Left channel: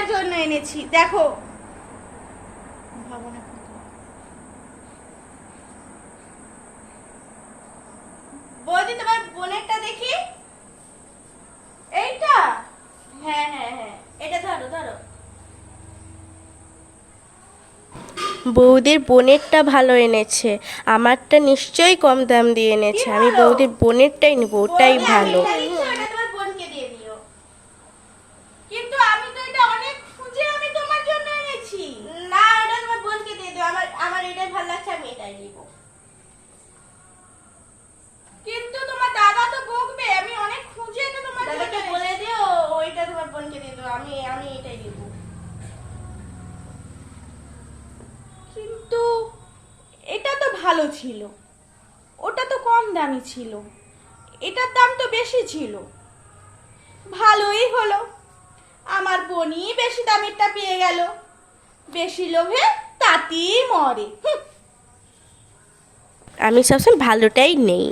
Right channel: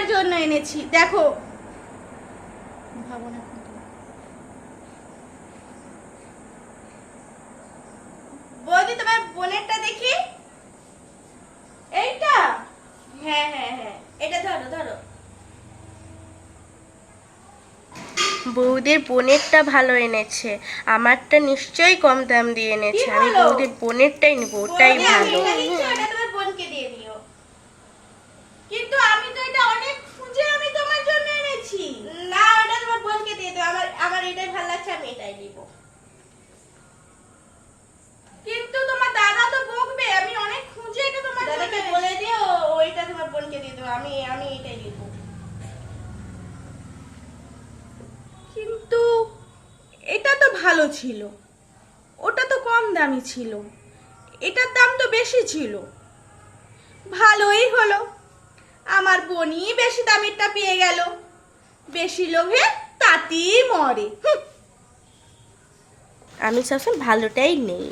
তোমার জন্য এনেছি, দেখো। বৌদি তোমার বোনেরটা দেখি। এইটা? হ্যাঁ হ্যাঁ হ্যাঁ, এটা ধরো ধরো। বৌদির বোনেরটা ভালো এনেছে, আমারটা নিশ্চয়ই কম দাম দিয়ে এনেছে। আমি বৌদির বোনেরটাই নেবো, ওটাই ভালো। ওটা তোমার বোনকে দিয়ে দিও। কিন্তু আমি তো এটা অনেক খুঁজে আমি তোমার জন্য এনেছি। না, ওটা তোমার বোনকে দিয়ে দিও। আমার আমার এটাই ভালো লাগছে, আমি এটাই নিব। কিন্তু তোমার দাদা তো বকবে, আমি অনেক খুঁজে এটা তোমার জন্য। দাদাকে বলে দিও ওইটা তোমার বোনকে দিয়ে দিও, আমি আমি এটাই নিব। কিন্তু এটা তো ভালো ছিল, ওটা তো কম দামি ছিল, এটার দাম তো বেশি ছিল। ভালোই হলো, আমার বোনই বেশি দামেরটা পেয়ে গেল। বেশি লোভে তাতেই মরে। আমি সবসময় ভালোটাই নেই।